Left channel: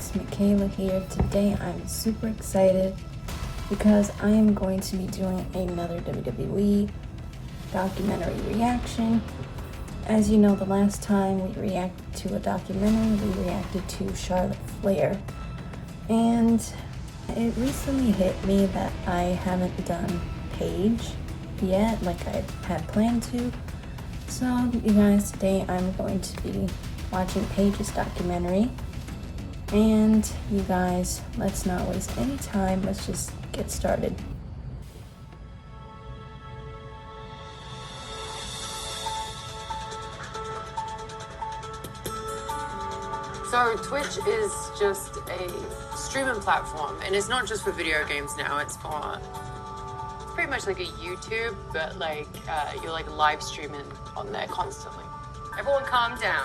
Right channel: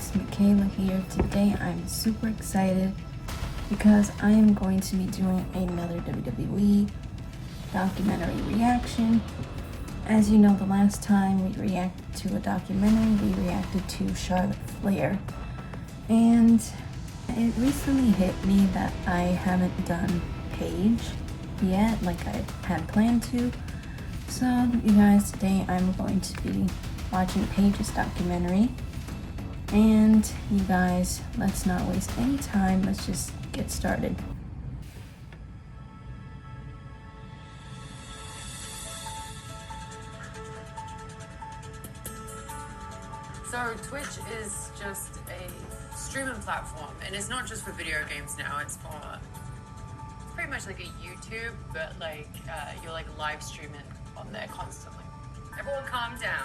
it's Makayla here. Today I'm super excited because I am going to be doing another WWE documentary reaction. As you know, the last time we reacted to a documentary, we reacted to Charlotte Flair. And it recently hit me that I haven't done Paige yet, like I had planned to. So you guys, today I'm going to be watching Paige's documentary. And you guys, let's not waste any time. Let's just get started. So Twitch is just a streaming platform, and it's not just for video games now. It's pretty much like a YouTube, but like you're like live streaming on there constantly. Everyone, calm down.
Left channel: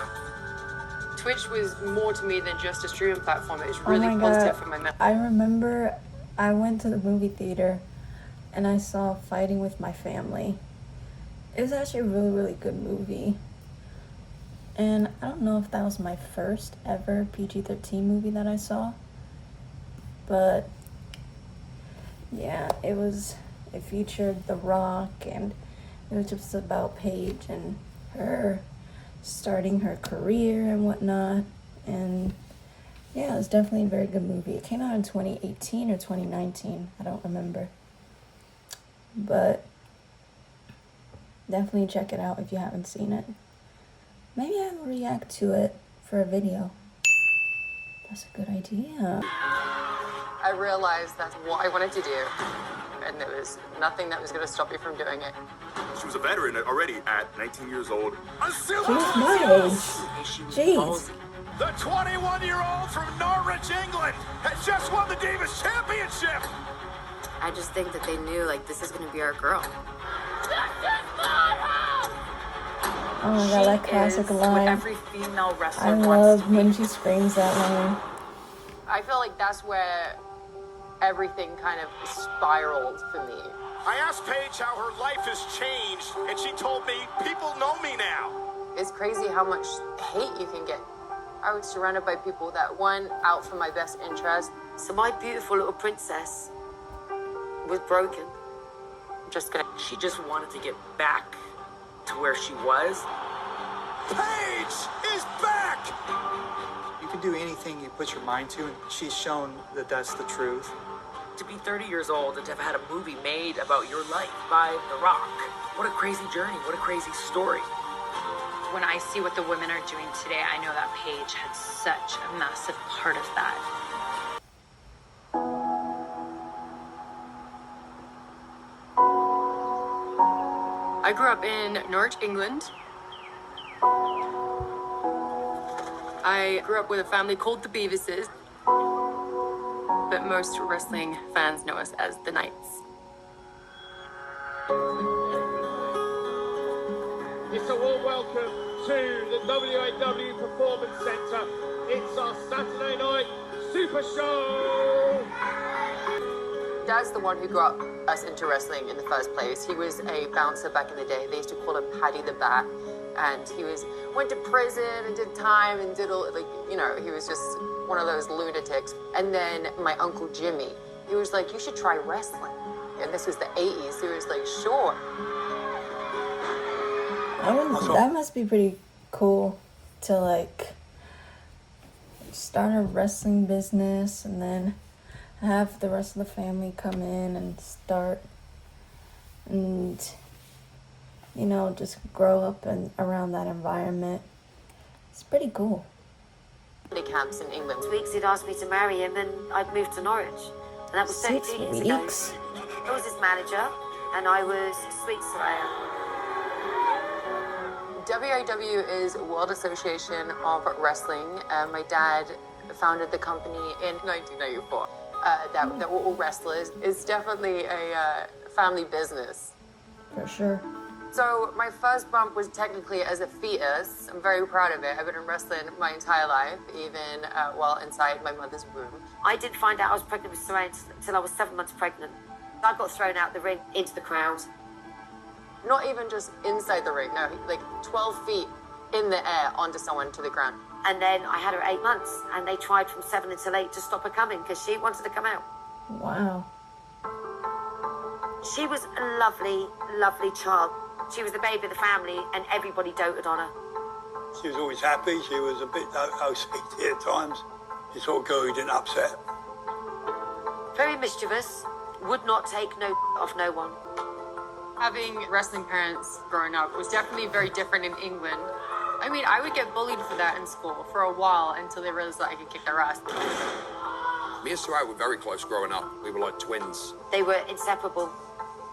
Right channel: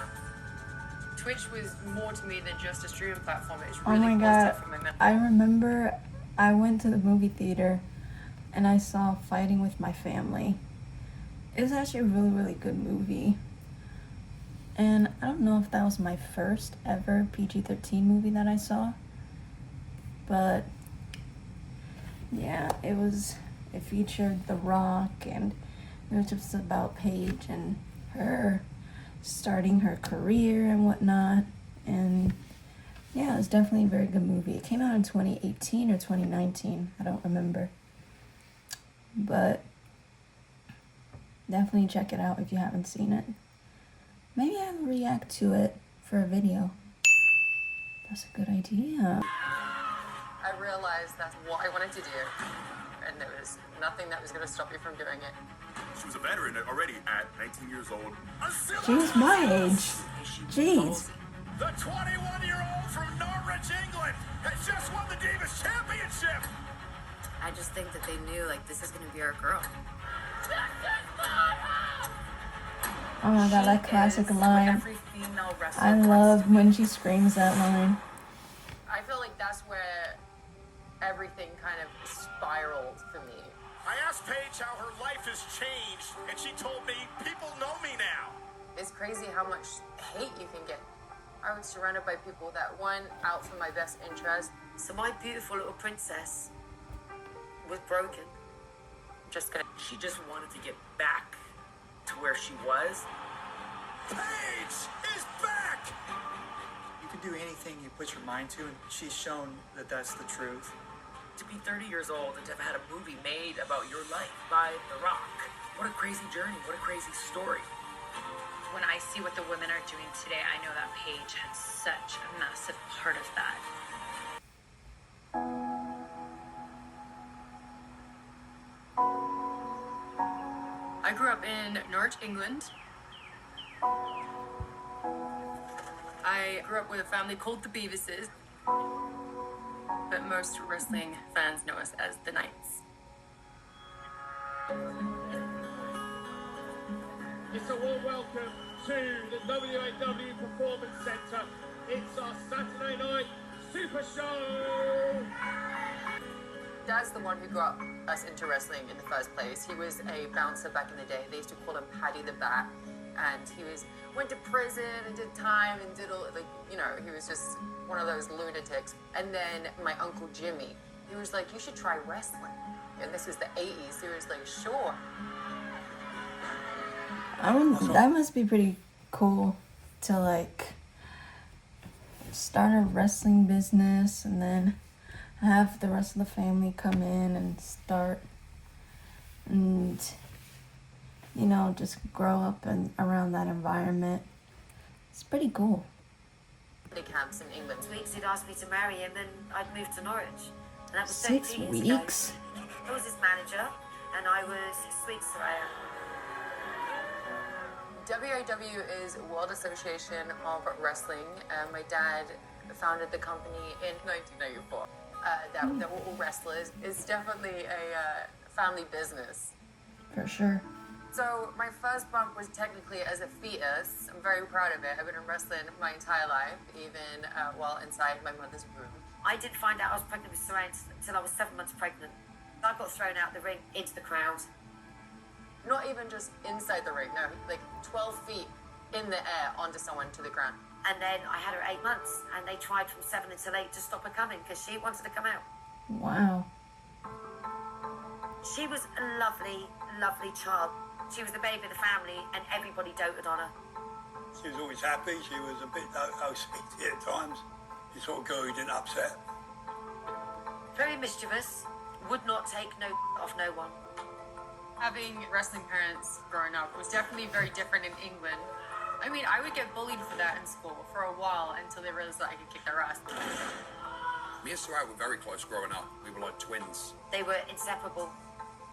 Twitch was more to me than just a streaming platform. It was really positive for my mental. I remember I went to the movie theater and I saw Fighting with My Family. It was actually a really, really good movie. And I don't know if that was my first ever PG-13 movie that I saw. But yeah, it featured The Rock, and it was just about Paige and her starting her career and whatnot. And yeah, it was definitely a very good movie. It came out in 2018 or 2019, I don't remember, but definitely check it out if you haven't seen it. Maybe I'll react to it for a video. That's a good idea. I realized that's what I wanted to do, and there was nothing that was going to stop me from doing it. She was a veteran already at 19 years old. She was my age. Jeez. The 21-year-old from Norwich, England, has just won the Davis Championship. I just think that they knew, like, this is going to be our girl. Oh my god, that classic line. I love when she screams that line. I feel like that's where everything kind of spiraled for me. I asked Paige how her life has changed, and she told me, people know me now. It's crazy how much hate you can get. I was surrounded by people that weren't out for my best interest. So my beautiful little princess was broken. She just wanted to get back to where she was. Paige is back! You can do anything you put your mind to, and she's shown that that's the truth. To be 30 years old and to have had a movie made about your life by The Rock. What a crazy journey, what a crazy story. When I see what the women are doing today, I know that Paige had such a massive part of that. I grew up in Norwich, England. I grew up with a family called the Beavises, but most wrestling fans know us as the Knights. It's a warm welcome to the WWE Performance Center. It's our Saturday night Super Show! Dad's the one who got us into wrestling in the first place. He was a bouncer back in the day. They used to call him Paddy the Bat. And he went to prison and did time and did all, he was just one of those lunatics. And then my Uncle Jimmy, he was like, you should try wrestling. And this was the 80s. He was like, sure. That must be pretty cool to start a wrestling business and then have the rest of the family come in and start and just grow up around that environment. It's pretty cool. Camps in England. 6 weeks he'd asked me to marry him, and I'd moved to Norwich. And that was 6 17 weeks? years ago. I was his manager, and I was sweet surveyor. WAW is World Association of Wrestling. My dad founded the company in 1994. That were all wrestlers. It's definitely a family business. For sure. So my first bump was technically as a fetus. I'm very proud of it. I've been in wrestling my entire life, even while inside my mother's womb. I didn't find out I was pregnant with Serena until I was 7 months pregnant. I got thrown out the ring into the crowd. Not even just inside the ring, no, like 12 feet in the air onto someone to the ground. And then I had her 8 months, and they tried from 7 until 8 to stop her coming because she wanted to come out. Wow. She was a lovely, lovely child. She was the baby of the family, and everybody doted on her. She was always happy. She was a bit OCD at times. She sort of girl who didn't upset. Very mischievous, would not take no off no one. Having wrestling parents growing up was definitely very different in England. I mean, I would get bullied for that in school for a while until they realized that I could kick their ass. Me and Sarai were very close growing up. We were like twins. They were inseparable.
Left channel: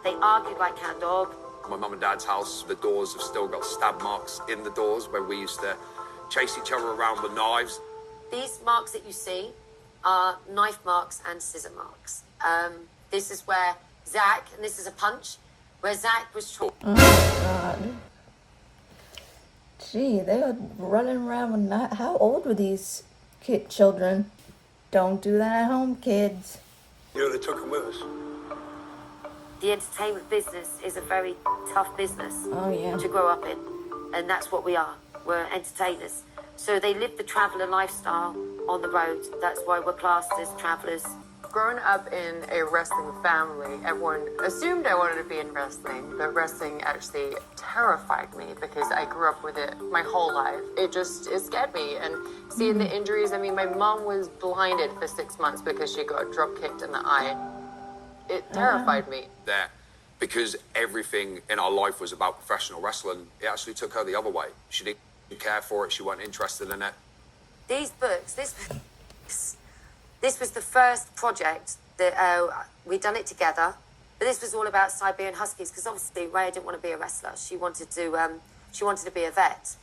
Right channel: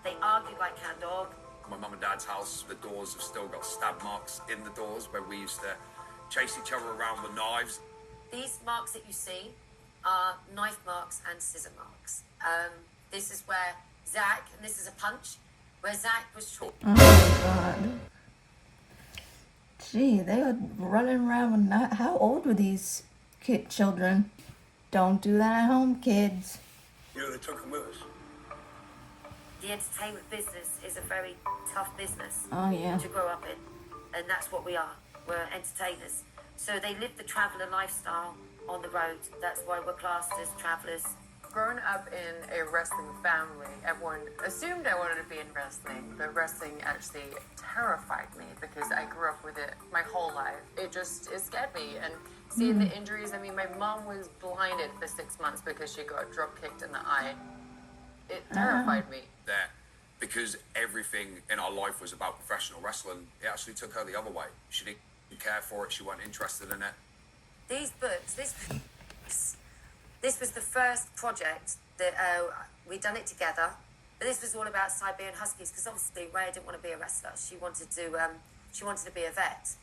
They argued like cat and dog. My mum and dad's house, the doors have still got stab marks in the doors where we used to chase each other around with knives. These marks that you see are knife marks and scissor marks. This is where Zach, and this is a punch, where Zach was... Oh my God. Gee, they were running around with not... How old were these children? Don't do that at home, kids. You would have took them with us. The entertainment business is a very tough business to grow up in. And that's what we are. We're entertainers. So they live the traveller lifestyle on the road. That's why we're classed as travellers. Growing up in a wrestling family, everyone assumed I wanted to be in wrestling, but wrestling actually terrified me because I grew up with it my whole life. It scared me. And seeing the injuries, I mean, my mom was blinded for 6 months because she got drop kicked in the eye. It terrified me. There, because everything in our life was about professional wrestling, it actually took her the other way. She didn't care for it. She wasn't interested in it. These books, this was the first project that we'd done it together. But this was all about Siberian Huskies because obviously Rhea didn't want to be a wrestler. She wanted to be a vet.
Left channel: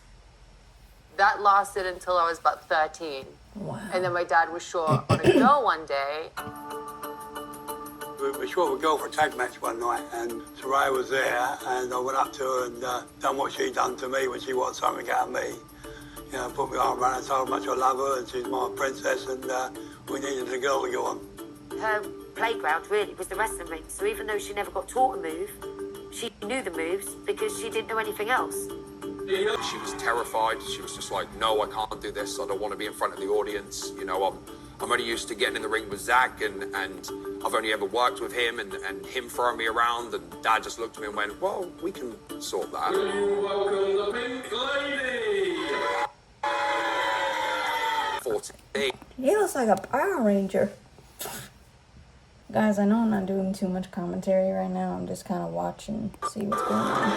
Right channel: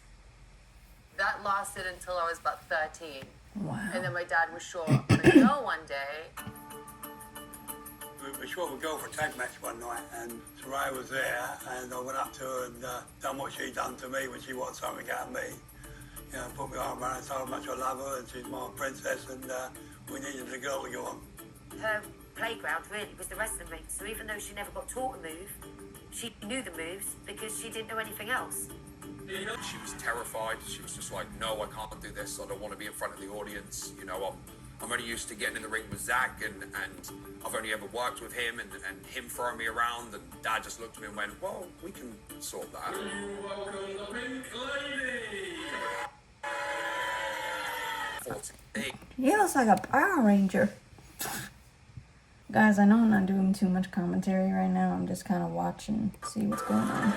That lasted until I was about 13. Wow. And then my dad was sure I would go one day. We were sure we'd go for a tag match one night, and Sarai was there, and I went up to her and done what she done to me when she wanted something out of me. You know, put my arm around her, told her how much I love her, and she's my princess, and we needed a girl to go on. Her playground really was the wrestling ring, so even though she never got taught a move, she knew the moves because she didn't know anything else. She was terrified. She was just like, no, I can't do this. I don't want to be in front of the audience. You know, I'm only used to getting in the ring with Zach, and I've only ever worked with him and him throwing me around, and Dad just looked at me and went, well, we can sort that. Welcome the pink lady. 14. He looks like a Power Ranger. Guys, I know I'm not doing too much commentary right now. I'm just kind of watching, see what's going on.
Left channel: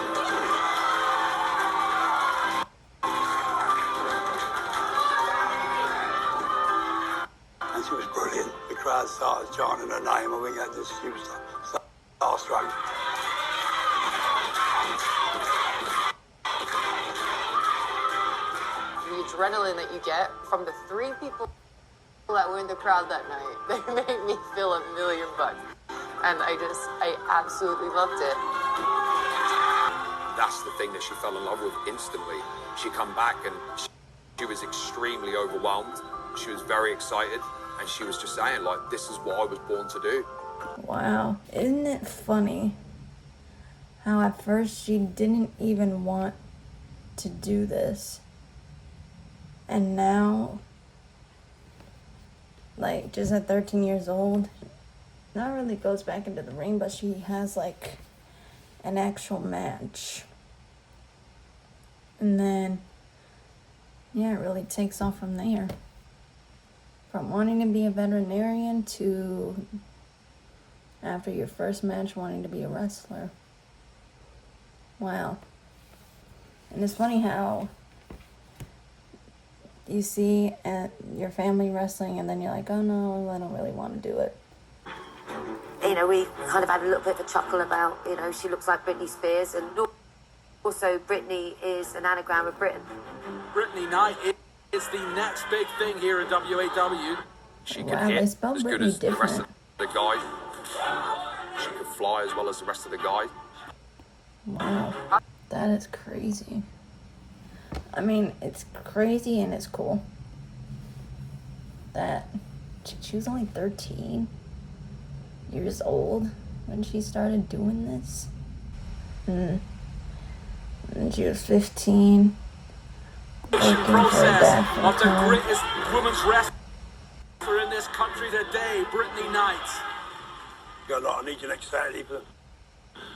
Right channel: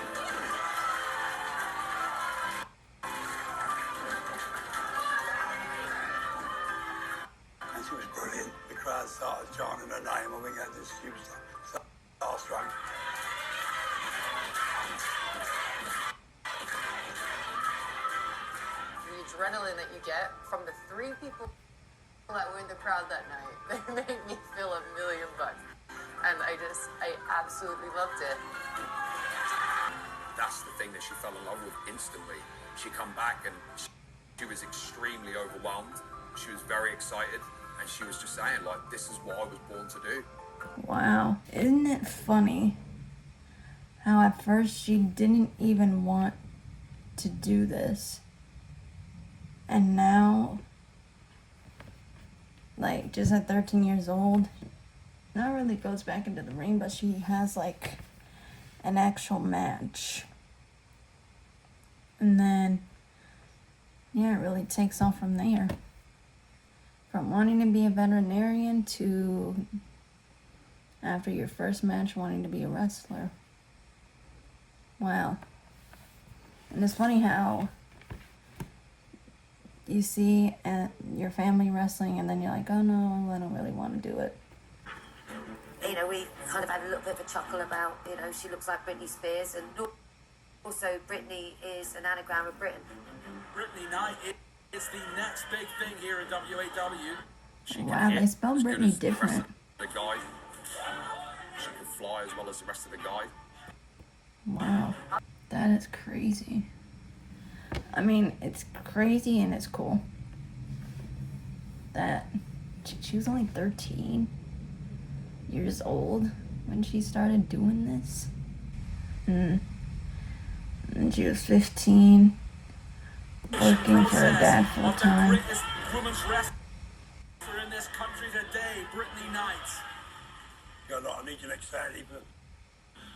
And she was brilliant. The crowd started chanting her name, and we had this, she was starstruck. The adrenaline that you get from the 3 people that were in the crowd that night, they made me feel $1 million. And I absolutely loved it. That's the thing that she fell in love with instantly. She come back and she was extremely overwhelmed. She was very excited, and she was just saying, like, this is what I was born to do. Wow. Isn't it funny how at first she didn't even want to do this, and now, like, just at 13 years old, not really goes back into the ring, but she has like an actual match, and then yeah, it really takes off from there, from wanting to be a veterinarian to after your first match wanting to be a wrestler. Wow. And it's funny how you see your family wrestling and then you're like, oh no, I don't really want to do it. You know, we kind of had a little bit of a chuckle about, you know, she looks like Britney Spears, and also Britney is an anagram of Britain. Brittany Knight is the next big thing here at WAW. Wow, they spelled Britney different. The guy, she could fly as well as the rest of the guy. Wow, that is crazy. I mean, it's crazy and it's cool that she was only 13 years old when she started doing this. And she was 15 working for her dad full of the time. greatest women's wrestler in this country today, Brittany Knight. Got a lot of meeting next Saturday, but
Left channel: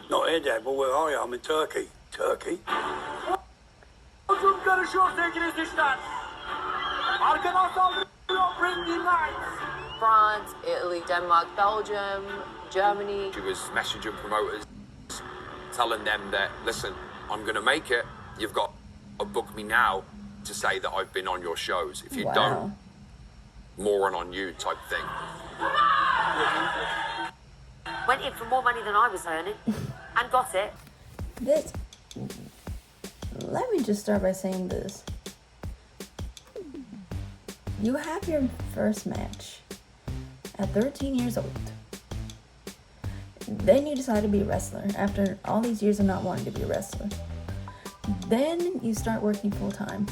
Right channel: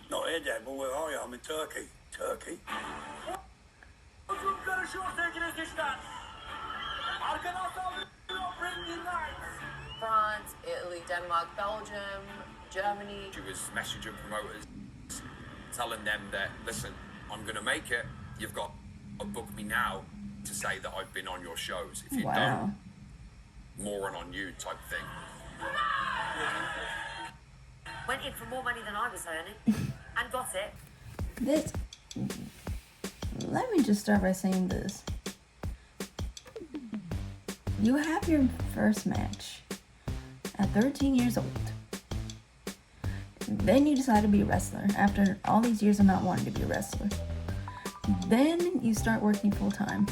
not here, Dad. But where are you? I'm in Turkey. Turkey? Uzun karışıyor sevgili izleyiciler. Arkadan saldırıyor Brittany Knight. France, Italy, Denmark, Belgium, Germany. She was messaging promoters, telling them that, listen, I'm going to make it. You've got to book me now to say that I've been on your shows. If you don't, moron on you type thing. Went in for more money than I was earning and got it. This. Let me just start by saying this. You have your first match at 13 years old. Then you decide to be a wrestler after all these years of not wanting to be a wrestler. Then you start working full time.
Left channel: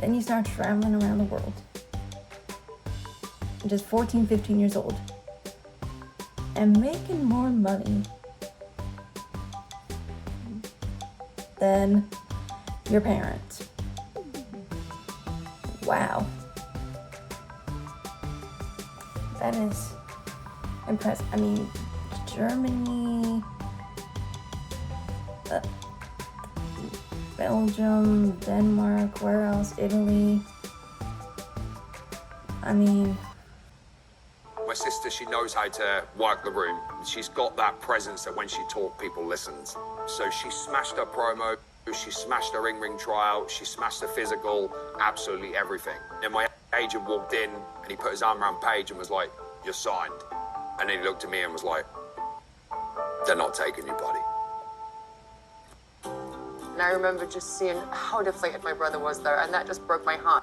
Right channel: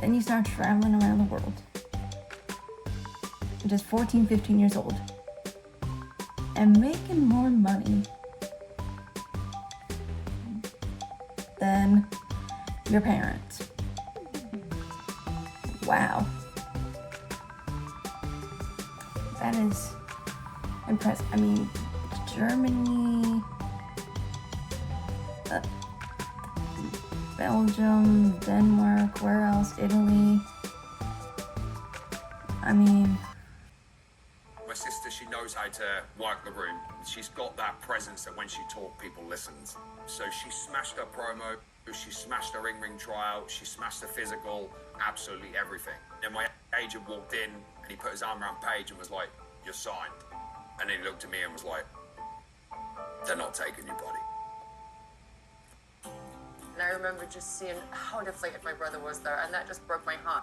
Then you start traveling around the world. Just 14, 15 years old. And making more money than your parents. Wow. That is impressive. I mean, Germany, Belgium, Denmark, where else? Italy. I mean, My sister, she knows how to work the room. She's got that presence that when she talks, people listens. So she smashed her promo, she smashed her ring trial, she smashed the physical, absolutely everything. And my agent walked in and he put his arm around Paige and was like, "You're signed." And then he looked at me and was like, "They're not taking you, buddy." And I remember just seeing how deflated my brother was there, and that just broke my heart.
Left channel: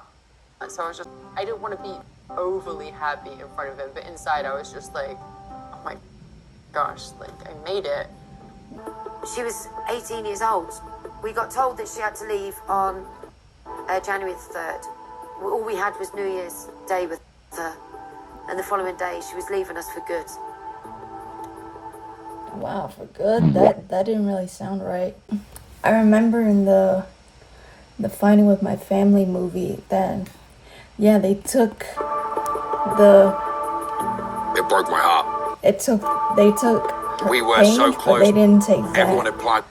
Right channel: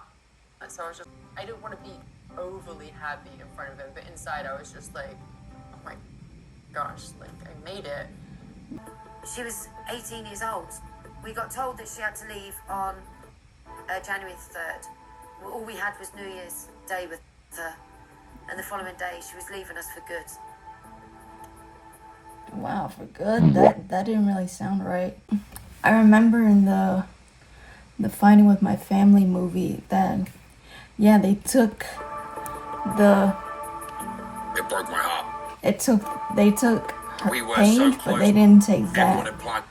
And so I didn't want to be overly happy in front of him, but inside I was just like, oh my gosh, like I made it. She was 18 years old. We got told that she had to leave on January the 3rd. All we had was New Year's Day with her. And the following day, she was leaving us for good. wow, for good? That didn't really sound right. I remember in the Fighting with My Family movie that, yeah, they took the... It broke my heart. They took her We were Paige, so but close. they didn't take Everyone Zach. had planned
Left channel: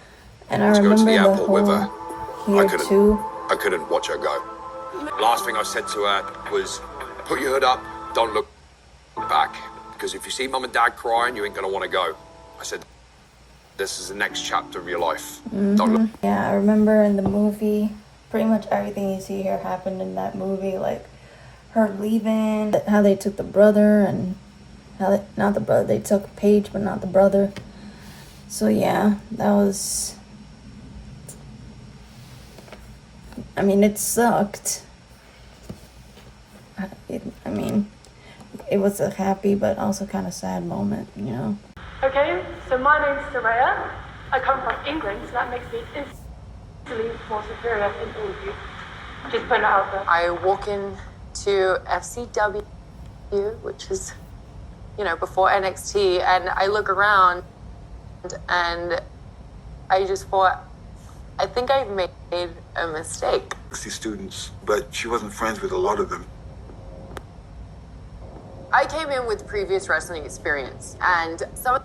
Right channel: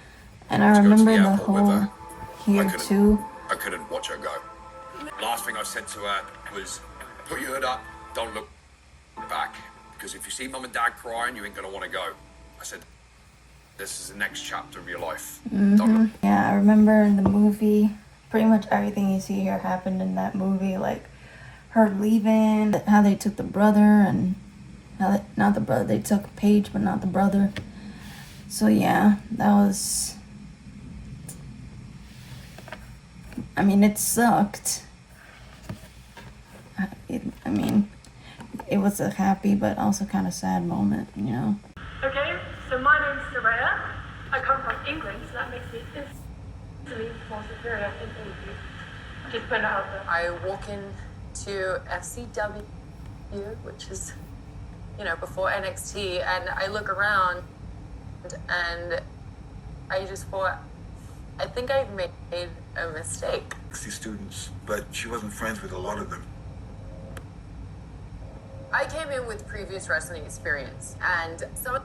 And I to go to remember the the airport with whole her. here too. I couldn't watch her go. Last thing I said to her was, put your hood up, don't look back. Because if you see mum and dad crying, you ain't gonna want to go. I said, this is the next chapter of your life. Don't look. Yeah, I remember in the movie, pretty much everything you see here happened in that movie. Like her leaving, how they took the brother, and how not the brother, they took Paige, but not the brother. So yeah, that was... I mean, it sucked. I mean, it was a happy but also kind of sad moment, you know? Okay, so my name's Soraya. I come from England, so that makes me instantly more superior in all of you. Just putting it out there. I walk into FCW, which is, you know, before NXT, and I look around and I just thought, I think I made a mistake. 60 students, but she wasn't friends with a lot of them. I came in with previous wrestling experience, and some of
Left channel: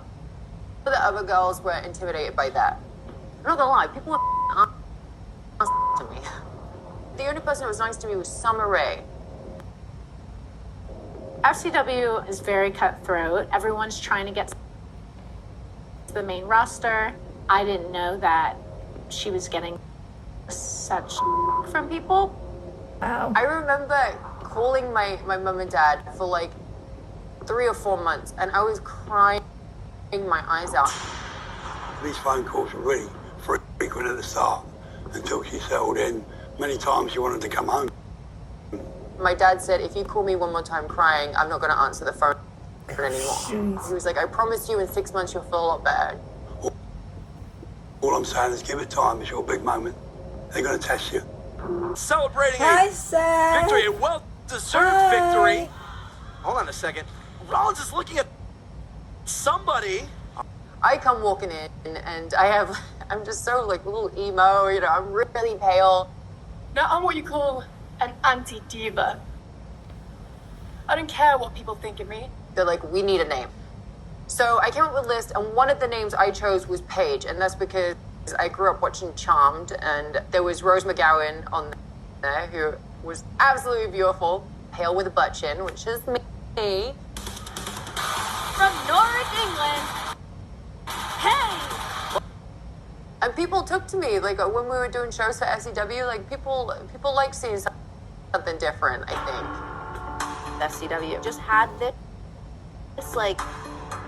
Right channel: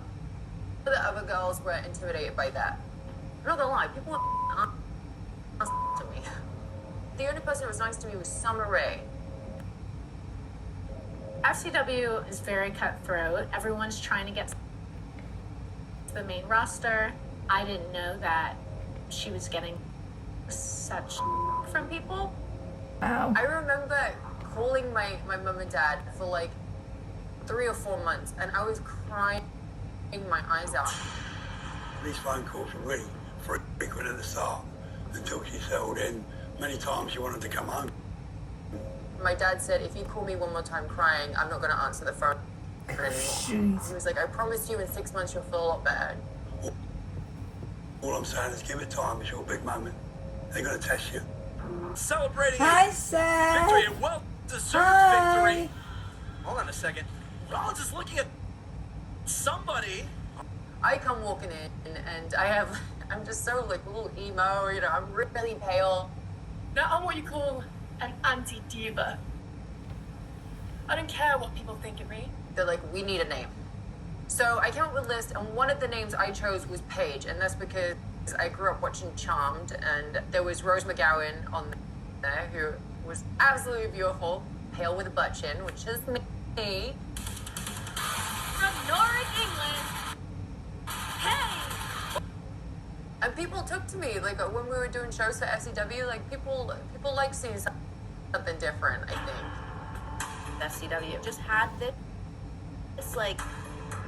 the other girls were intimidated by that. I'm not gonna lie, people were nice to me. The only person who was nice to me was Summer Rae. FCW is very cutthroat. Everyone's trying to get to the main roster. I didn't know that she was getting such from people. Wow. I remember calling my mom and dad for like 3 or 4 months, and I was crying my eyes out. These phone calls were really frequent at the start until she settled in. Many times she wanted to come home. My dad said, if you call me one more time crying, I'm not going to answer the phone anymore. Jeez. He was like, I promise you in 6 months you'll feel a lot better. All I'm saying is give it time. It's your big moment. They're going to test you. Celebrating Hi, a Seth. victory, a well-deserved Hi. victory. Hold on a second. Rollins is looking at somebody. I come walking in, and I'm just so like a little emo, you know, I'm really pale. Now I'm what you call an anti-diva. I don't care what people think of me. They're like, we need a name. So I came up with a list, and one of the names I chose was Paige, and that's because I grew up watching Charmed, and there was Rose McGowan on there, who was absolutely beautiful, pale with a butt chin, which is me. From North England. Hey! And people took to me, like, when we were doing shows for SCW, like, people like seeing something different, I think. SCW just had this like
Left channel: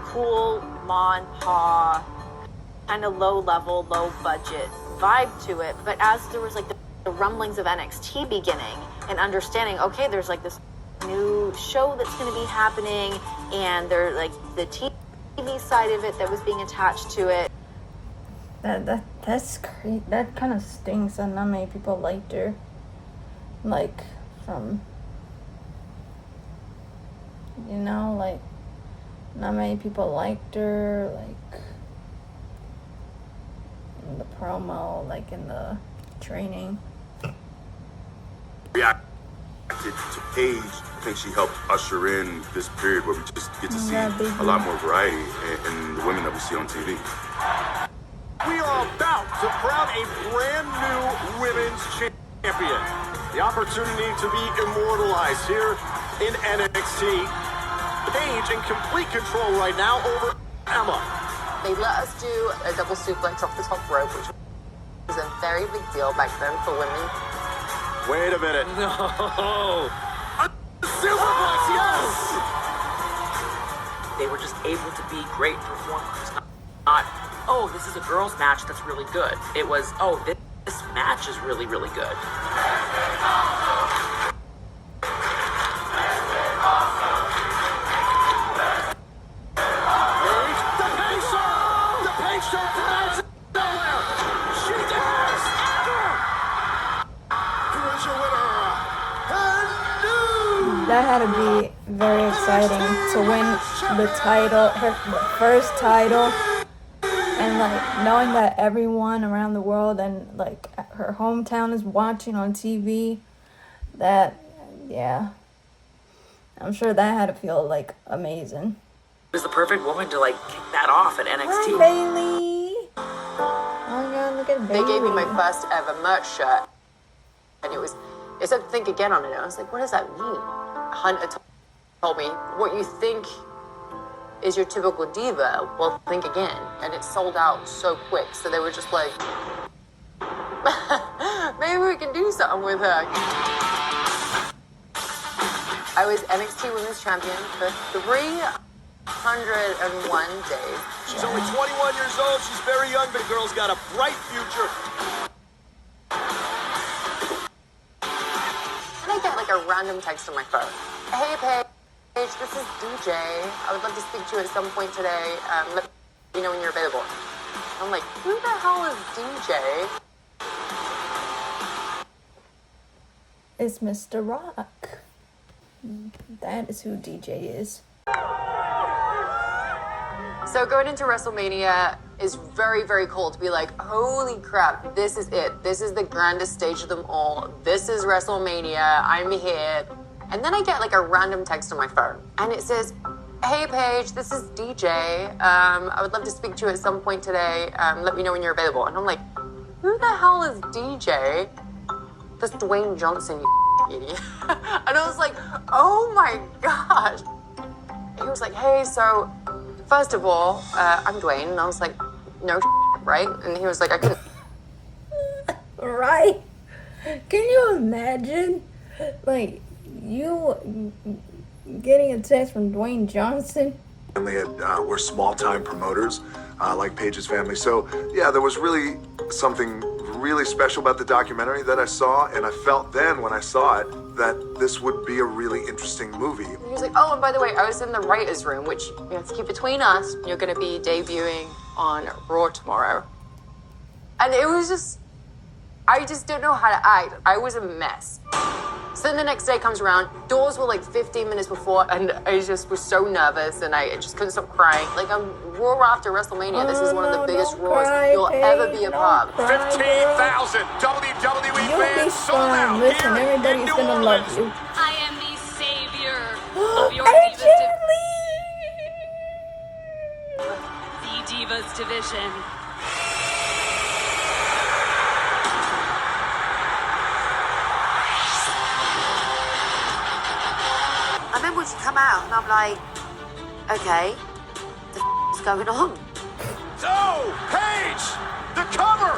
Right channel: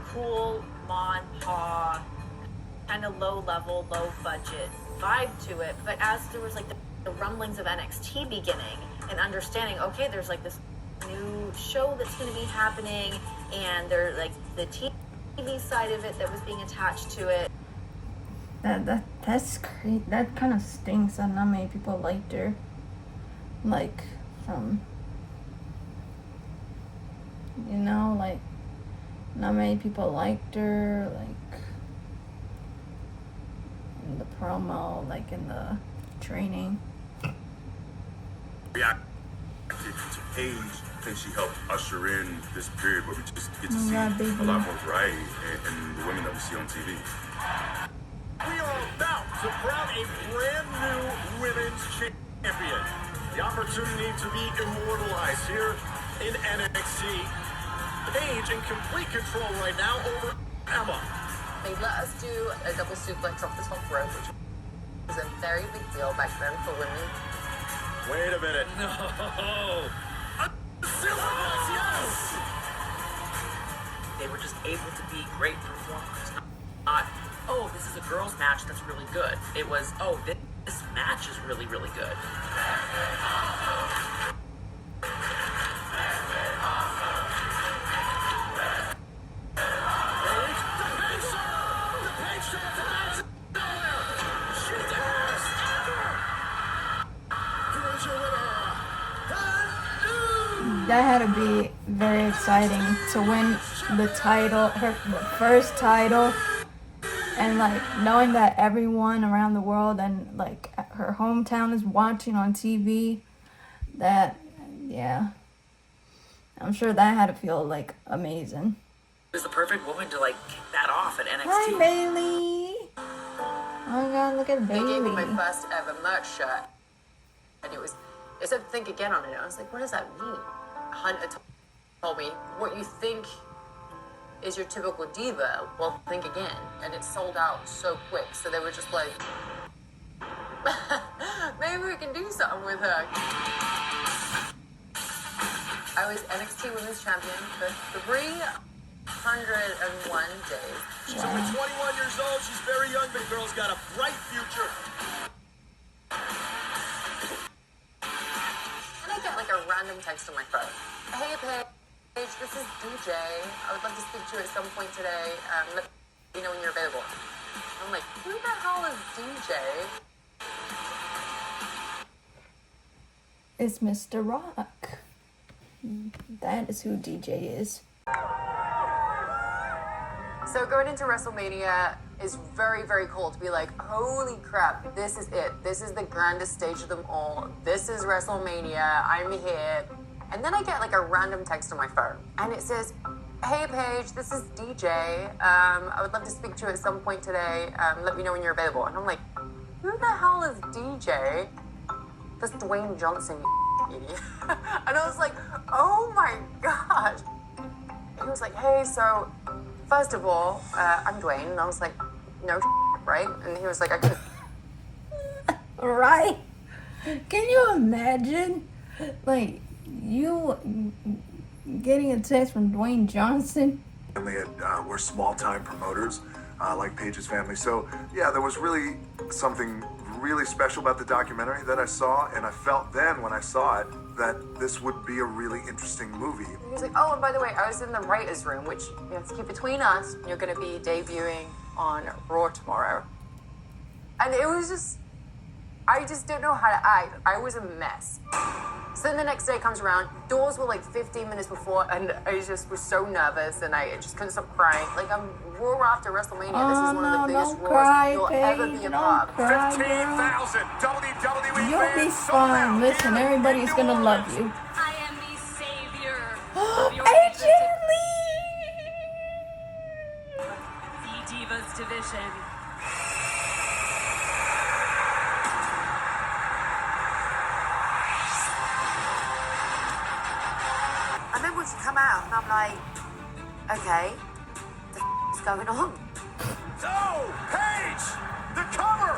cool ma and pa kind of low level, low budget vibe to it, but as there was like the rumblings of NXT beginning and understanding, okay, there's like this new show that's going to be happening, and there's like the TV side of it that was being attached to it. That's crazy. That kind of stinks that not many people liked her. Like, you know, like, not many people liked her, like, in the promo, like, in the training. Reacted to Paige. I think she helped usher in this period where we just get to see a lot more variety in the women that we see on TV. We are about to crown a brand new women's champion. The opportunity to be immortalized here in NXT. Paige in complete control right now over Emma. They let us do a double suplex off the top rope, which was a very big deal back then for women. Wait a minute. No. Superplex, yes! They were just able to be great performers. Not, oh, this is a girls' match that's really good. It was, oh, this match is really, really good. That had to be very exciting to win the title, the first title, and like knowing that everyone around the world and like her hometown is watching on TV. That, yeah, I'm sure that had to feel like amazing. It was the perfect woman to like kick that off at NXT. Hi, Bailey. Oh God, look at Bailey. They gave me my first ever merch shirt, and it said "Think Again" on it. I was like, what does that mean? Hunter told me, what you think is your typical diva, well, think again. And it sold out so quick, so they were just like, maybe we can do something with her. I was NXT Women's Champion for 301 days. She's only 21 years old. She's very young, but the girl's got a bright future. And I get like a random text on my phone. Hey, Paige, this is DJ. I would love to speak to you at some point today. Let me know when you're available. I'm like, who the hell is DJ? It's Mr. Rock. That is who DJ is. So going into WrestleMania is very, very cool to be like, holy crap, this is it. This is the grandest stage of them all. This is WrestleMania. I'm here. And then I get like a random text on my phone. And it says, hey, Paige, this is DJ. I would love to speak to you at some point today. Let me know when you're available. And I'm like, who the hell is DJ? That's Dwayne Johnson, you idiot. And I was like, oh my gosh. He was like, hey, so first of all, I'm Dwayne. And I was like, no, right? And he was like, I couldn't. Right? Can you imagine? Like, you getting a text from Dwayne Johnson? We're small-time promoters, like Paige's family. So, yeah, there was really something really special about the documentary that I saw, and I felt then when I saw it that this would be a really interesting movie. He was like, oh, and by the way, I was in the writer's room, which, you know, to keep between us, you're going to be debuting on Raw tomorrow. And it was just, I just didn't know how to act. I was a mess. So then the next day comes around, doors were like 15 minutes before, and I just was so nervous, and I just couldn't stop crying. Like, I'm Raw after WrestleMania. This is one of the biggest Raws you'll ever be a part of. 15,000 WWE You'll be fans sold fine. out Listen, here everybody's in gonna New love Orleans. you. I am the savior of your AJ The Divas division. I remember when she come out, and I'm like, okay, what's going on? Oh, Paige, the cover,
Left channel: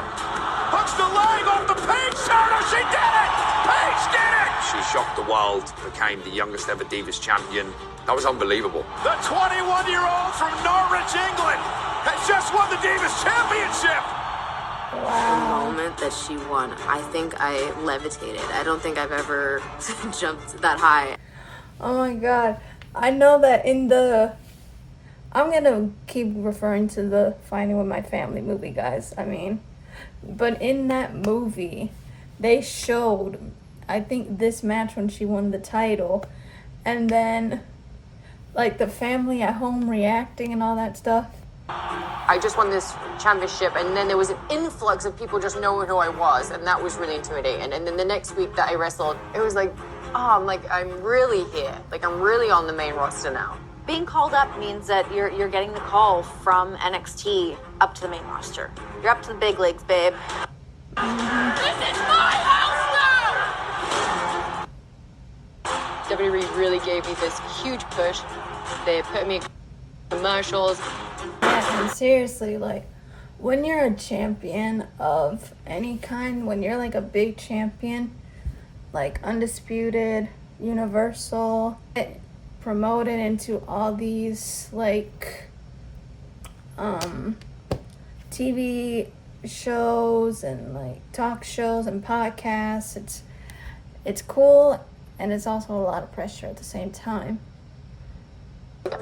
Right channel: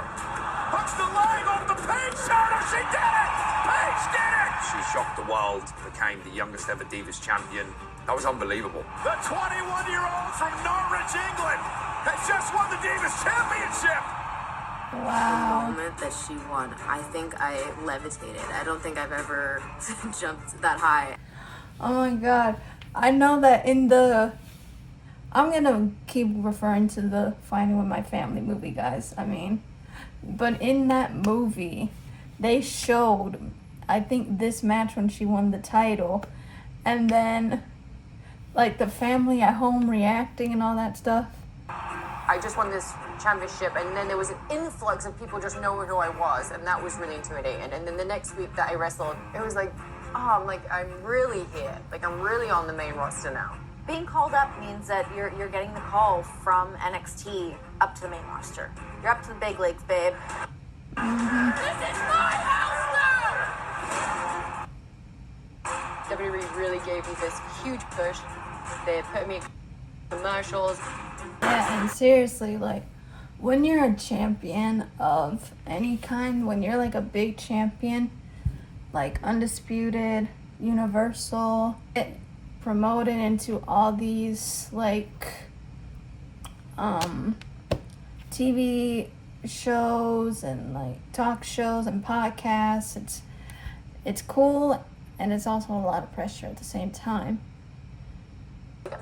hooks the leg off the Paige shoulder. She did it. Paige did it. She shocked the world, became the youngest ever Divas champion. That was unbelievable. The 21-year-old from Norwich, England, has just won the Divas Championship. Wow. The moment that she won, I think I levitated. I don't think I've ever jumped that high. Oh my god. I know that in the... I'm gonna keep referring to the Fighting With My Family movie, guys. I mean, but in that movie, they showed, I think, this match when she won the title, and then, like, the family at home reacting and all that stuff. I just won this championship, and then there was an influx of people just knowing who I was, and that was really intimidating. And then the next week that I wrestled, it was like, oh, I'm really here. Like, I'm really on the main roster now. Being called up means that you're getting the call from NXT up to the main roster. You're up to the big leagues, babe. This is my house now! WWE really gave me this huge push. They put me in commercials. Yeah, and seriously, like, when you're a champion of any kind, when you're like a big champion, like Undisputed, Universal, promoted into all these like TV shows and like talk shows and podcasts, it's cool, and it's also a lot of pressure at the same time.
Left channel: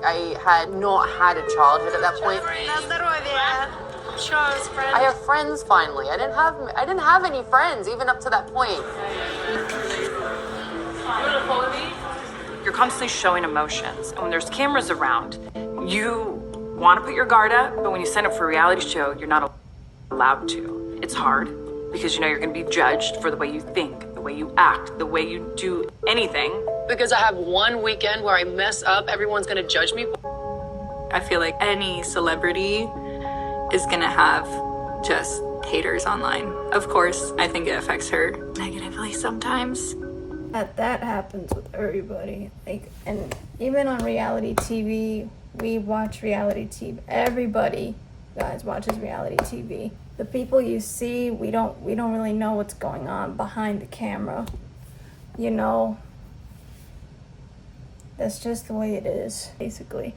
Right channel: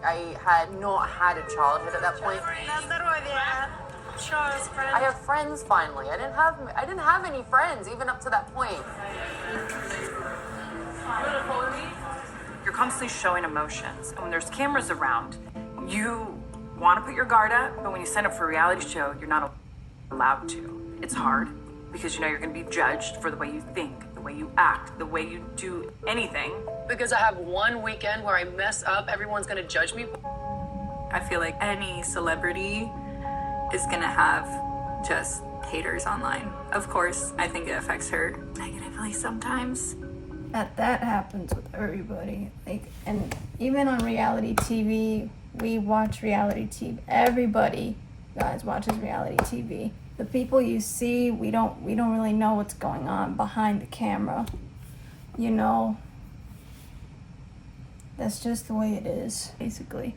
I had not had a childhood at that point. I have friends finally. I didn't have any friends even up to that point. You're constantly showing emotions, and when there's cameras around, you want to put your guard up, but when you sign up for a reality show, you're not allowed to. It's hard because you know you're going to be judged for the way you think, the way you act, the way you do anything. Because I have one weekend where I mess up, everyone's gonna judge me. I feel like any celebrity is gonna have just haters online. Of course, I think it affects her negatively sometimes. That happens with everybody. Like, and even on reality TV, we watch reality TV. Everybody, guys, watches reality TV. The people you see, we don't really know what's going on behind the camera. You know, that's just the way it is, basically.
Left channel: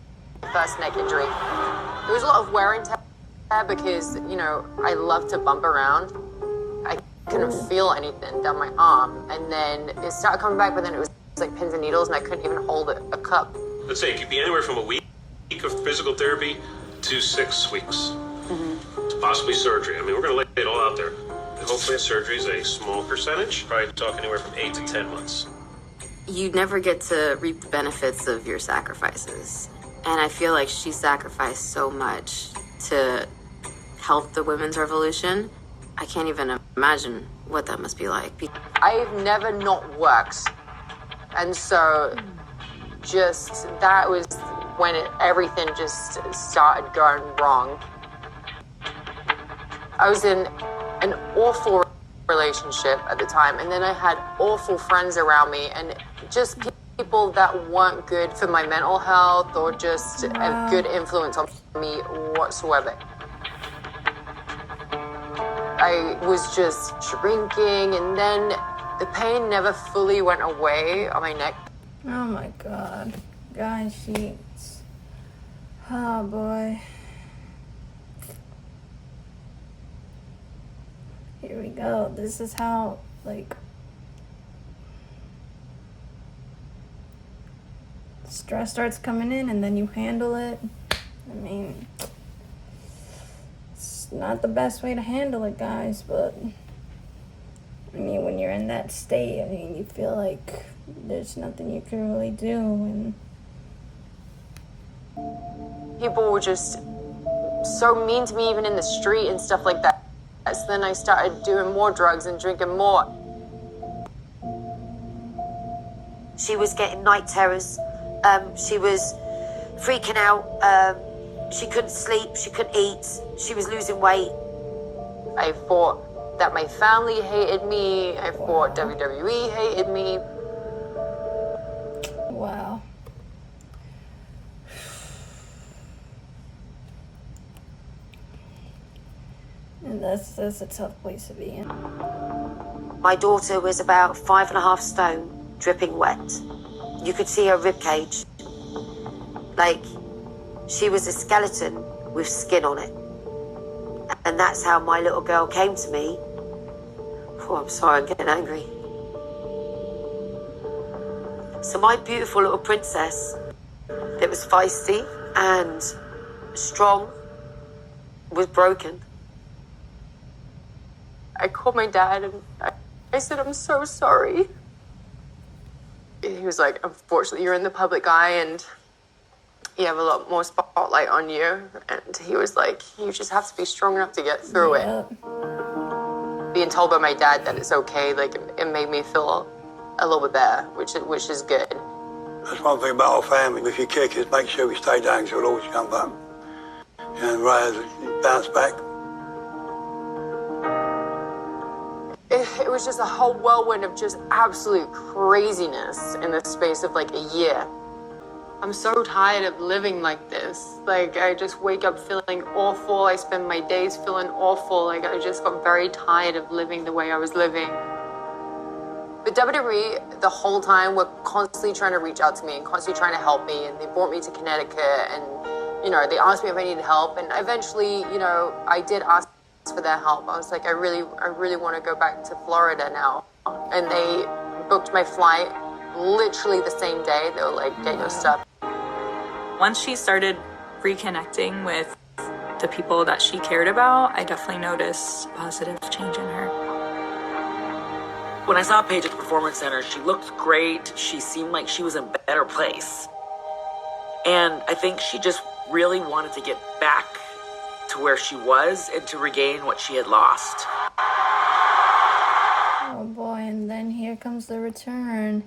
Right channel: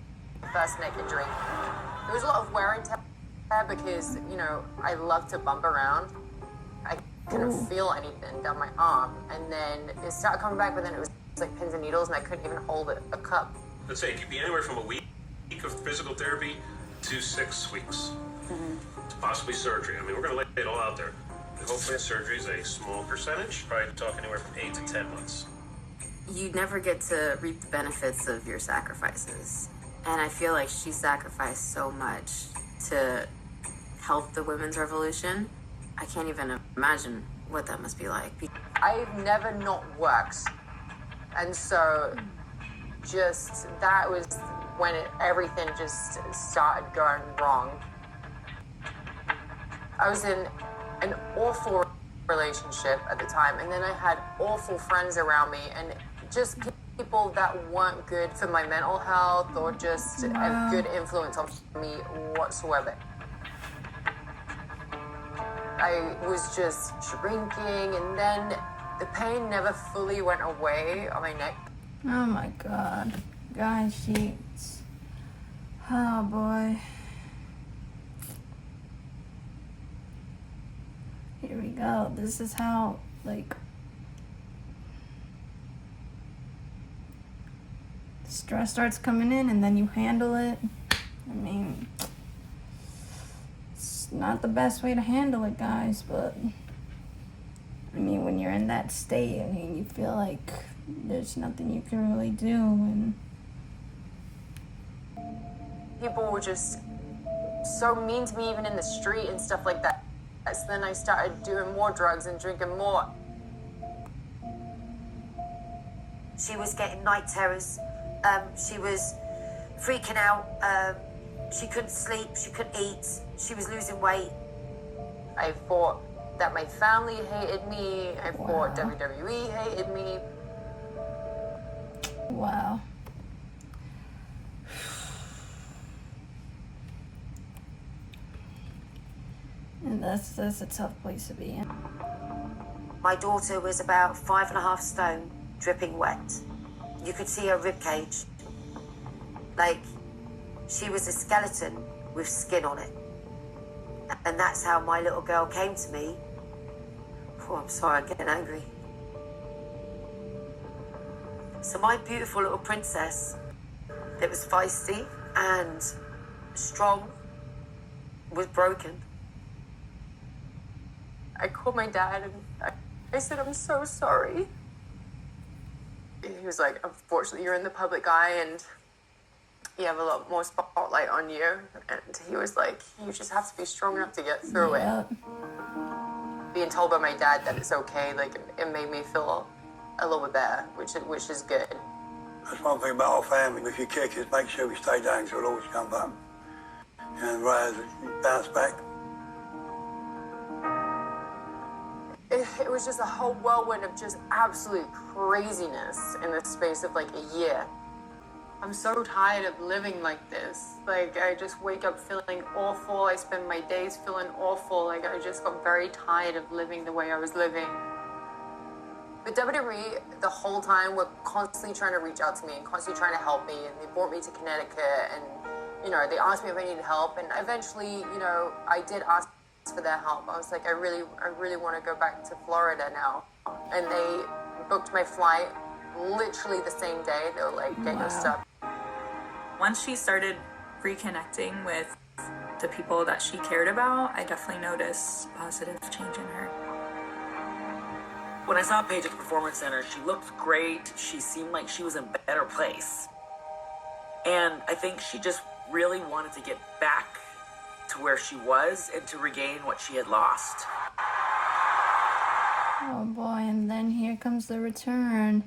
First neck injury. There was a lot of wear and tear because, you know, I love to bump around. I couldn't feel anything down my arm. And then it started coming back, but then it was like pins and needles, and I couldn't even hold a cup. Let's say it could be anywhere from a week of physical therapy to 6 weeks. To possibly surgery. I mean, we're going to lay it all out there. Hopefully surgery is a small percentage. Probably talk anywhere from 8 to 10 months. You never get to reap the benefits of your sacrifices. And I feel like she sacrificed so much to help the women's revolution. I can't even imagine what that must be like. I've never not worked. And so just that was when everything just started going wrong. I was in an awful relationship at the time, and then I had awful friends around me, and just people that weren't good for my mental health or just a good influence on me whatsoever. I was just shrinking, and then the pain never fully went away on my neck. Oh my god. Guys, sheets. Oh boy. Here we go. This is how, like, stress starts coming in and then you handle it. I mean, it's not the best way to handle it, guys, but I mean, when you're in that state, I mean, you feel like there's nothing you can really do, and people were just so mean to me, even in the street and stuff like that. So then I started doing more drugs and drinking more. She was getting night terrors. She was freaking out. She couldn't sleep. She couldn't eat. She was losing weight. I thought that my family hated me. I thought WWE hated me. wow. And that's a tough place to be in. My daughter was about 5.5 stone, dripping wet. You could see her ribcage. Like, she was a skeleton with skin on it. And that's how my little girl came to me. Oh, I'm sorry, I'm getting angry. So my beautiful little princess that was feisty and strong was broken. I called my dad and I said, I'm so sorry. He was like, unfortunately, you're in the public eye and you have a lot more spotlight on you. And he was like, you just have to be strong enough to get through it. Being told by my dad that it's okay, like, it made me feel a little bit better, which is good. That's one thing about our family. If you kick us, make sure we stay down because we'll always come back. And Ray bounced back. It was just a whole whirlwind of just absolute craziness in the space of like a year. I'm so tired of living like this. Like, I just wake up feeling awful. I spend my days feeling awful. Like, I just got very tired of living the way I was living. But WWE, the whole time, were constantly trying to reach out to me and constantly trying to help me. And they brought me to Connecticut and, you know, they asked me if I needed help. And eventually, you know, I did ask for their help. I was like, I really want to go back to Florida now. And they booked my flight literally the same day. They were like, get your stuff. Once she started reconnecting with the people that she cared about, I definitely noticed a positive change in her. When I saw Paige at the Performance Center, she looked great. She seemed like she was in a better place. And I think she just really wanted to get back to where she was and to regain what she had lost. Oh boy, and then here comes the return.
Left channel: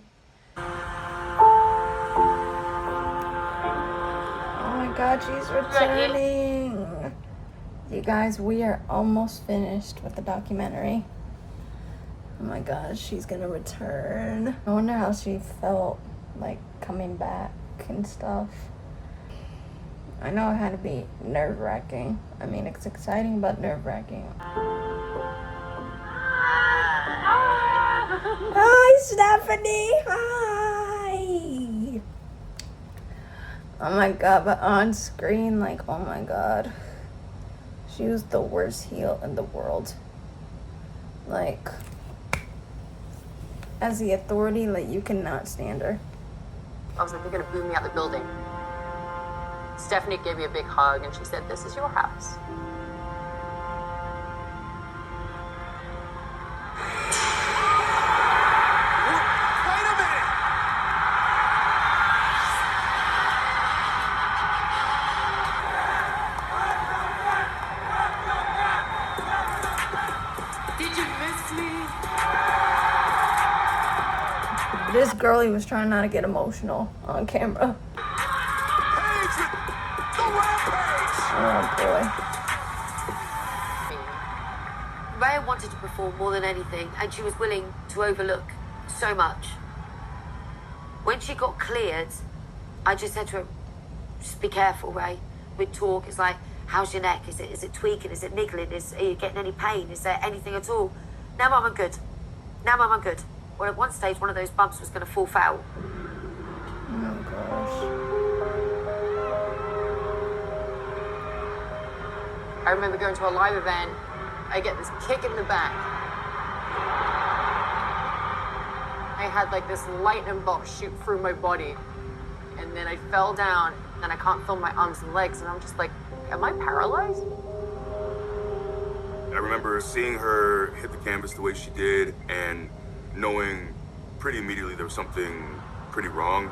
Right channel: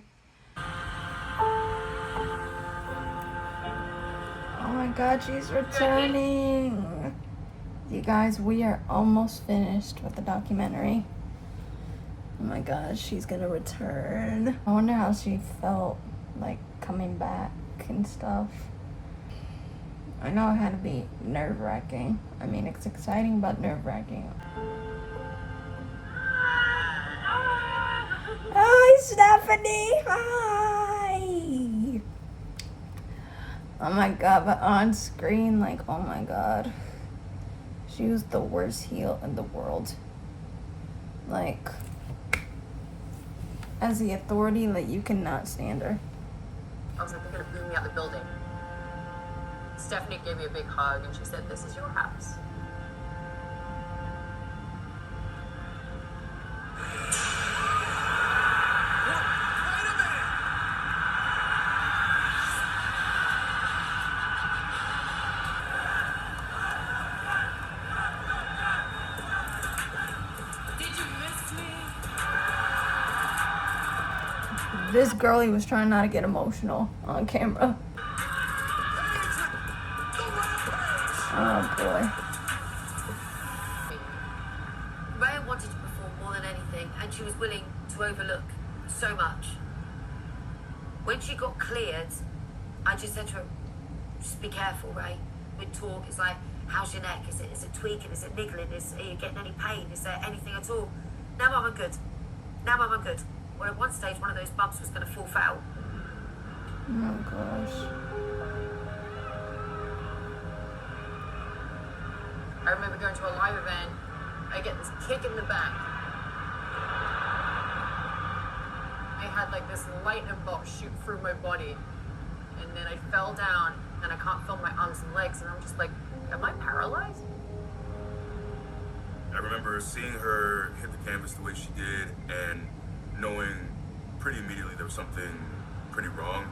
Oh my god, she's returning. You guys, we are almost finished with the documentary. Oh my god, she's gonna return. I wonder how she felt, like, coming back and stuff. I know it had to be nerve-wracking. I mean, it's exciting, but nerve-wracking. Hi, Stephanie! Hi! Oh my god, but on screen, like, oh my god. She was the worst heel in the world. Like, as the authority, like, you cannot stand her. I was like, they're gonna boot me out the building. Stephanie gave me a big hug and she said, this is your house. Did you miss me? This girlie was trying not to get emotional on camera. Oh boy. Rhea wanted to perform more than anything, and she was willing to overlook so much. When she got cleared, I just said to her, just be careful, Ray. We'd talk, it's like, how's your neck? Is it tweaking? Is it niggling? Are you getting any pain? Is there anything at all? Now, Mum, I'm good. Now, Mum, I'm good. Well, at one stage, one of those bumps was going to fall foul. Oh gosh. I remember going to a live event. I get this kick in the back. I had like this lightning bolt shoot through my body. And then I fell down and I can't feel my arms and legs. And I'm just like, am I paralyzed? I remember seeing her hit the canvas the way she did and knowing pretty immediately there was something pretty wrong.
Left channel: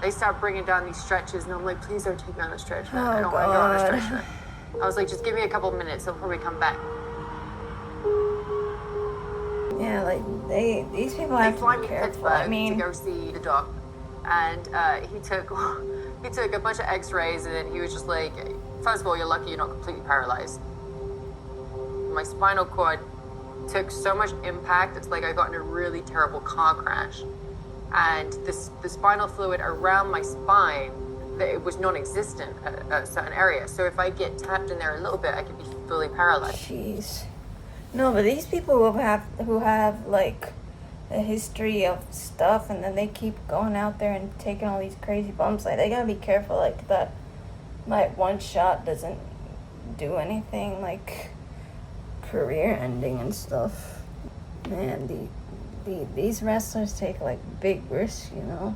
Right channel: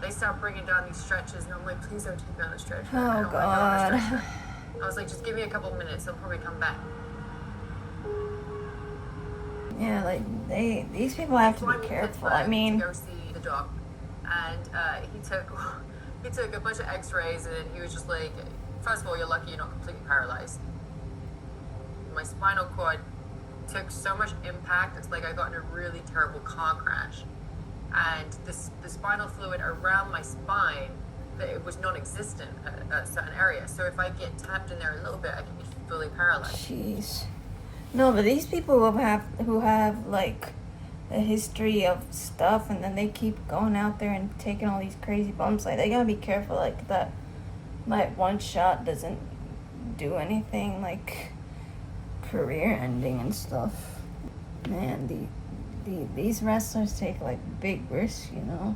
They start bringing down these stretches, and I'm like, please don't take me on a stretcher. Oh, I don't want to be on a God. stretcher. I was like, just give me a couple minutes before we come back. Yeah, like these people have to be careful. I mean, to go see the doc, and he took a bunch of X-rays, and then he was just like, first of all, you're lucky you're not completely paralyzed. My spinal cord took so much impact. It's like I got in a really terrible car crash, and the spinal fluid around my spine, that it was non-existent at a certain area. So if I get tapped in there a little bit, I could be fully paralyzed. jeez. No, but these people who have like a history of stuff, and then they keep going out there and taking all these crazy bumps. Like, they gotta be careful. Like, that, like, one shot doesn't do anything, like career ending and stuff. Man, these wrestlers take like big risks. You know,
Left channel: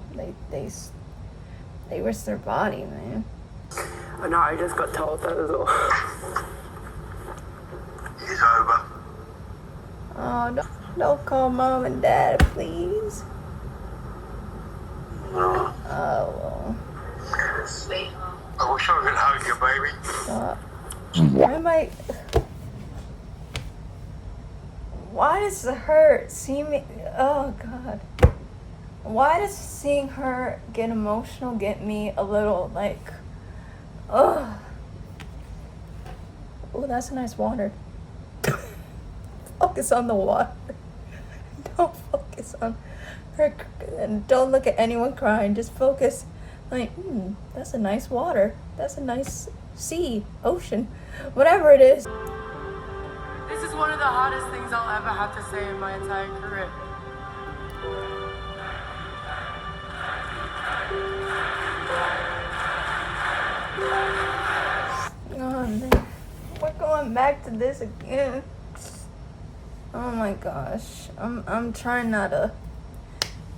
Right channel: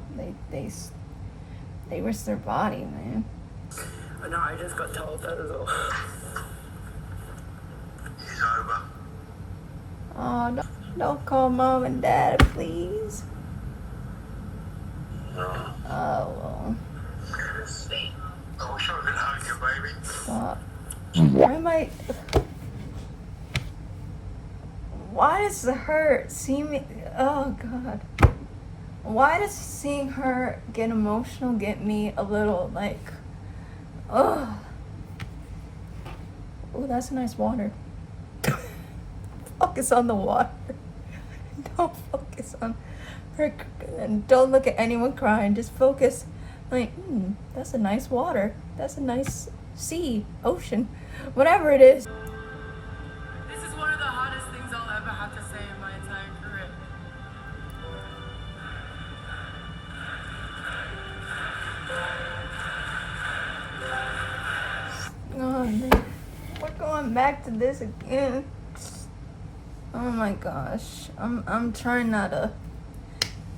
they risk their body, man. I know. I just got told that as well. It's over. Oh, don't call mom and dad, please. Oh, well. I wish I could hug you, baby. Stop. Why does her see me? Oh, God. Why does seeing her get emotional get me a little, like, oh. Oh, that's nice water. Focus on the water. Don't focus on her. And don't look at anyone crying. Just focus, like, that's a nice water. That's a nice sea, ocean, whatever it is. This is one of the hardest things I'll ever have to say in my entire career. Oh, man. We're going back to this again. Oh my gosh. I'm trying not to,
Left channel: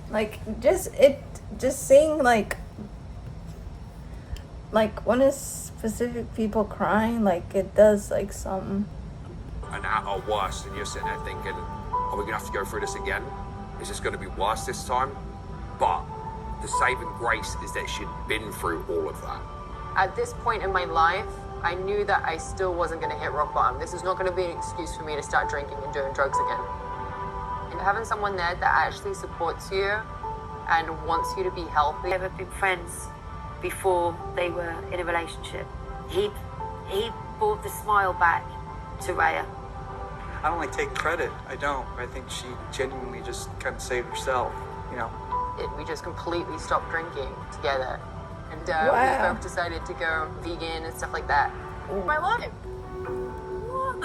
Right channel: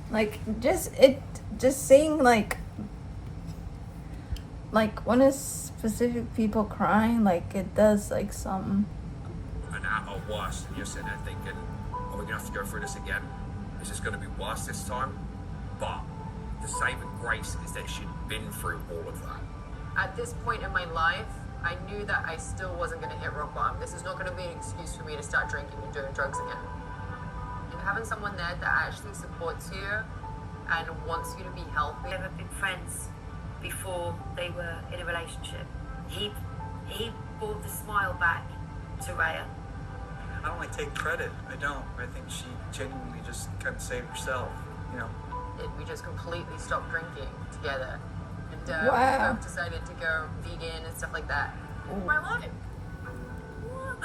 like, just seeing like when it's specific people crying, like, it does like something. And at our worst, and you're sitting there thinking, are we gonna have to go through this again? Is this gonna be worse this time? But the saving grace is that she'd been through all of that. At this point in my life, I knew that I still wasn't going to hit rock bottom. This is not going to be an excuse for me to start drinking and doing drugs again. And having someone there that actually supports you and wants you to be healthy. They were big friends before they were in a relationship. He brought the smile back to Rhea. I don't like take credit. I don't. I think she genuinely just kind of saved herself, you know. We just completely stopped drinking together. And Wow. we decided to go vegan and stuff like that. My life. What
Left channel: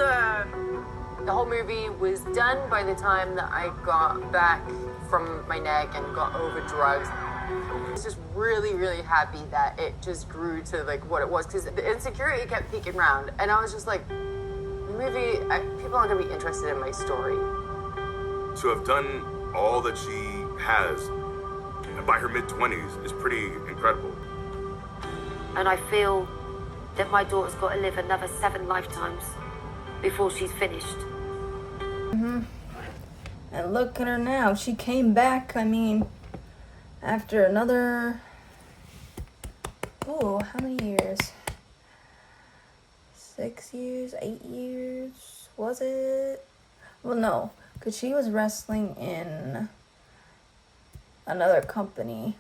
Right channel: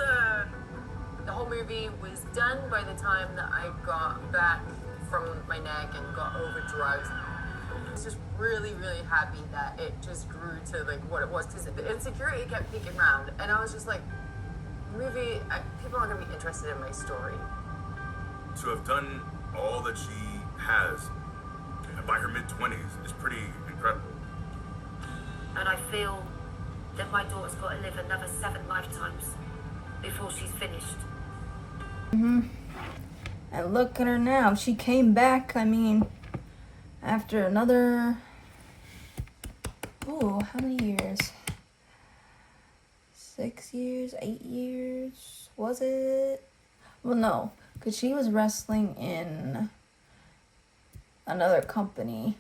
The whole movie was done by the time that I got back from my neck and got over drugs. I was just really, really happy that it just grew to like what it was, because the insecurity kept peeking around, and I was just like, the movie, people aren't gonna be interested in my story. To have done all that she has by her mid-20s is pretty incredible. And I feel that my daughter's got to live another 7 lifetimes before she's finished. And look at her now. She came back, I mean, after another, how many years? 6 years, 8 years, was it? Well, no, because she was wrestling in another company,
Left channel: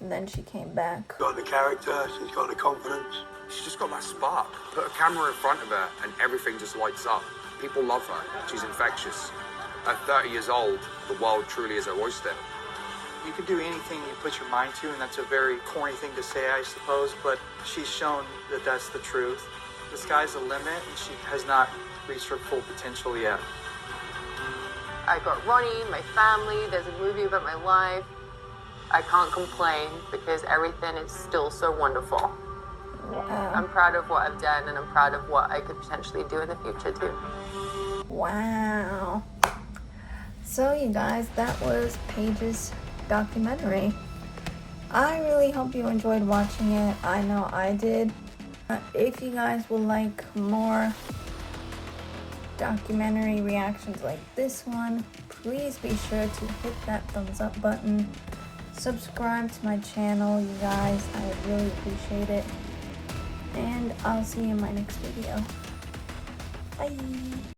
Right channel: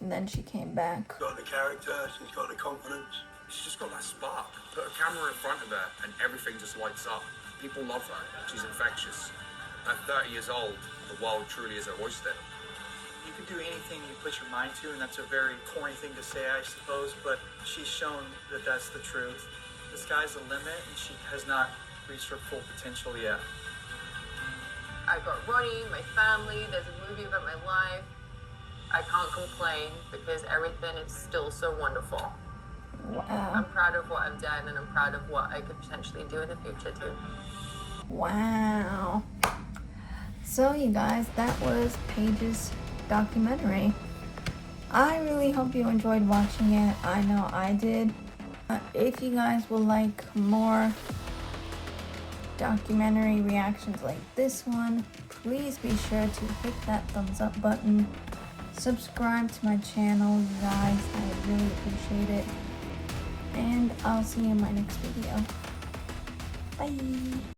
and then she came back. Got the character, she's got the confidence. She's just got that spark. Put a camera in front of her and everything just lights up. People love her. She's infectious. At 30 years old, the world truly is her oyster. You can do anything you put your mind to, and that's a very corny thing to say, I suppose, but she's shown that that's the truth. The sky's the limit, and she has not reached her full potential yet. I got Ronnie, my family, there's a movie about my life. I can't complain because everything is still so wonderful. Wow. I'm proud of what I've done, and I'm proud of what I could potentially do in the future too. Wow. So you guys, that was Paige's documentary. I really hope you enjoyed watching it. I know I did. If you guys would like more documentary reactions like this one, please be sure to hit that thumbs up button. Subscribe to my channel, you guys. I would really appreciate it. And I'll see you in my next video. Bye!